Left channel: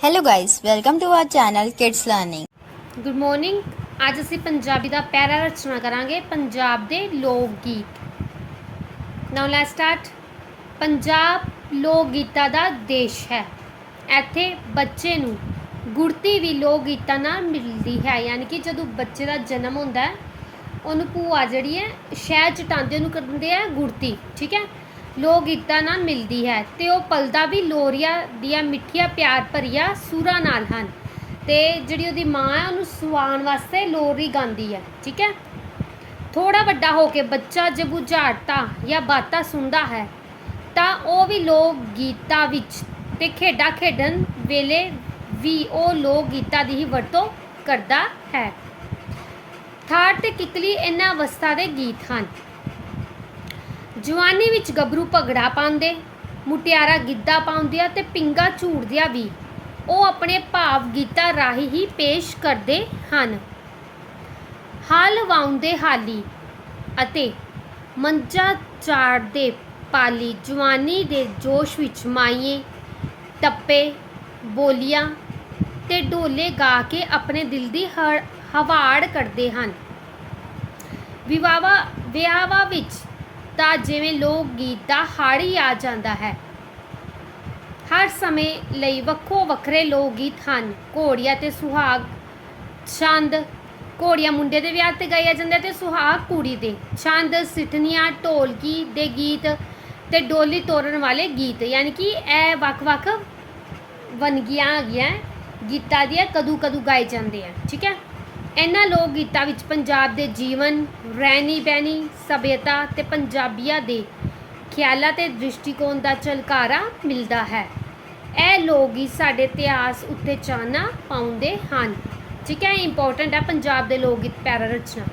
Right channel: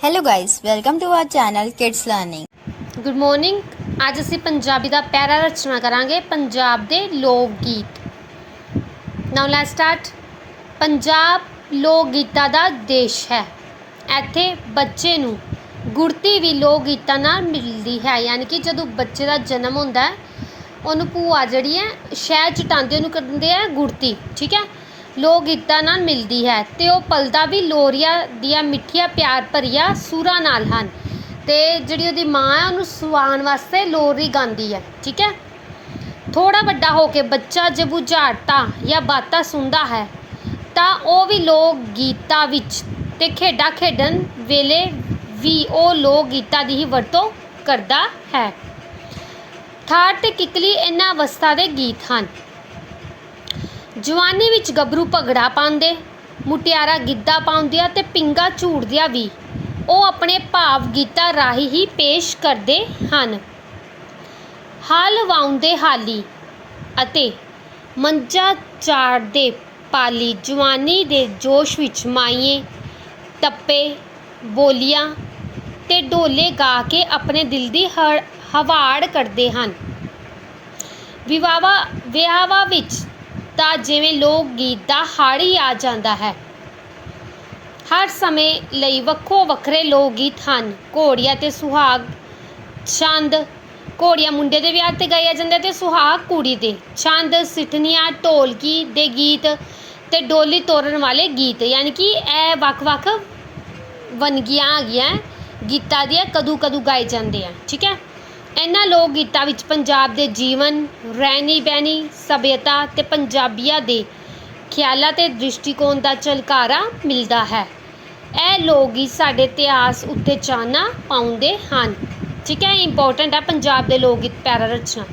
Hello guys, welcome to our channel Kids Learning. Good morning ਅੱਜ ਅਸੀਂ ਪੰਜਾਬੀ ਦਾ ਪੈਰਾ ਰਚਨਾ ਕਰਾਂਗੇ ਪੰਜਾਬ ਦੇ ਲੋਕ ਗੀਤ ਨਾਓ ਲੈਟਸ ਸਟਾਰਟ ਪੰਜਾਬ ਲੋਕ ਗੀਤਾਂ ਦਾ ਦੇਸ਼ ਹੈ ਇੱਥੇ ਬੱਚੇ ਨੂੰ ਗੁੜਤੀ ਵੀ ਲੋਕ ਗੀਤਾਂ ਨਾਲ ਮਿਲਦੀ ਹੈ ਯਾਨੀ ਕਿ ਜਦੋਂ ਬੱਚੇ ਦਾ ਜਨਮ ਹੁੰਦਾ ਹੈ ਉਹਨੂੰ ਭੂਆ ਜਿਹੜੀ ਹੈ ਸ਼ਹਿਦ ਚਟਾਉਂਦੇ ਉਹਨੂੰ ਕਹਿੰਦੇ ਆ ਗੁੜਤੀ ਠੀਕ ਹੈ ਲੋਕ ਗੀਤਾਂ ਨਾਲ ਮਿਲਦੀ ਹੈ ਅਤੇ ਉਹ ਪਲਦਾ ਵੀ ਲੋਰੀਆਂ ਦੀਆਂ ਮਿੱਠੀਆਂ ਪਿਆਰ ਭਰੀਆਂ ਸੁਰਾਂ ਨਾਲ ਹਨ। ਅਤੇ ਜਿਹੜੀ ਉਹਦੀ ਮਾਂ ਹੈ, ਉਹਨੂੰ ਸੁਆਉਣ ਵਾਸਤੇ ਲੋਰੀ ਗਾਉਂਦੀ ਹੈ, ਠੀਕ ਹੈ? ਥੋੜ੍ਹਾ ਵੱਡਾ ਹੋ ਕੇ ਬੱਚਾ ਜਦ ਬੁਝਾਰਤਾਂ ਜਾਂ ਬਾਤਾਂ ਸੁਣਦਾ ਹੈ, ਤਾਂ ਉਹ ਵੀ ਲੋਕ ਗੀਤਾਂ ਵਿੱਚ ਅਤੇ ਖੇਡਾਂ ਖੇਡਣ ਵੇਲੇ ਵੀ ਉਹ ਲੋਕ ਗੀਤਾਂ ਦੀ ਹੀ ਵਰਤੋਂ ਕਰਦਾ ਹੈ। ਥਾਰ ਅਤੇ ਕਿੱਕਲੀ ਇਹਨਾਂ ਅਵਸਥਾ ਦੇ ਗੀਤ ਹਨ। ਜਵਾਨੀ ਵਿੱਚ ਗੱਭਰੂ ਭਗੜਾ ਪਾਉਂਦੇ, ਮੁਟਿਆਰਾ ਗਿੱਧਾ ਪਾਉਂਦੀਆਂ ਤੇ ਪਿੰਗਾ ਝੂੜਦੀਆਂ ਵੀ। ਉਹ ਆਪਣੇ ਭਾਵ ਗੀਤਾਂ ਰਾਹੀਂ ਹੀ ਪੇਸ਼ ਕਰਦੇ ਹਨ। ਹਲ ਵਾਉਂਦੇ ਹਾਲੀ ਅਤੇ ਮੰਜਾ ਚਾੜਦੇ ਪਾਲੀ ਜਵਾਨੀ ਦੇ ਜੋਸ਼ ਵਿੱਚ ਮਾਈਏ, ਟੱਪੇ, ਬੋਲੀਆਂ ਤੇ ਢੋਲੇ ਗਾ ਕੇ ਆਪਣੇ ਦਿਲ ਦੀ ਹਵਾੜ ਕਰਦੇ ਹਨ। ਵਿਵਾਹਾਂ ਵਿਆਹਾਂ ਵਿੱਚ ਤਾਂ ਜਿਵੇਂ ਲੋਕ ਗੀਤ ਦਾ ਹਾੜ ਹੀ ਆ ਜਾਂਦਾ ਹੈ। ਹਰ ਸਮੇਂ ਲਈ ਵੱਖੋ ਵੱਖਰੇ ਲੋਕ ਗੀਤ ਹਨ। ਘੋੜੀਆਂ ਤੇ ਸੁਹਾਗ ਛੰਦ, ਘੋੜੀਆਂ ਮੁੰਡੇ ਦੇ ਵਿਆਹ ਤੇ ਗਾਇਆ ਜਾਂਦਾ ਤੇ ਸੁਹਾਗ ਕੁੜੀ ਦੇ। ਛੰਦ, ਸਿੱਠਣੀਆਂ, ਢੋਲਕੀ ਦੇ ਗੀਤ ਤੇ ਡੋਲੀ ਤੋਰਨ ਵਾਲੇ ਗੀਤ। ਯਾਨੀ ਕਿ ਇਹ ਵੱਖ-ਵੱਖ ਵੰਨਗੀਆਂ ਹੈਗੀਆਂ ਗੀਤਾਂ ਦੀਆਂ ਕਦੋਂ ਕਦੋਂ ਗਾਏ ਜਾਂਦੇ ਆ। ਠੀਕ ਹੈ? ਇਹਨਾਂ ਲੋਕ ਗੀਤਾਂ ਵਿੱਚ ਪੰਜਾਬ ਦੇ ਜੀਵਨ, ਰਹਿਣੀ ਬਹਿਣੀ, ਸੱਭਿਅਤਾ ਅਤੇ ਪੰਜਾਬੀਆਂ ਦੇ ਖਿਆਲਾਂ ਅਤੇ ਦ੍ਰਿਸ਼ਟੀਕੋਣ ਦਾ ਝਲਕਾਰਾ ਮਿਲਦਾ ਹੈ। ਇਹ ਲੋਕ ਗੀਤ ਸਾਡੇ ਇਤਿਹਾਸ ਉੱਤੇ ਚਾਨਣਾ ਪਾਉਂਦੇ ਹਨ। ਠੀਕ ਹੈ ਇੰਪੋਰਟੈਂਟ ਹੈ, ਪੰਜਾਬ ਦੇ ਲੋਕ ਗੀਤ ਪੈਰਾ ਰਚਨਾ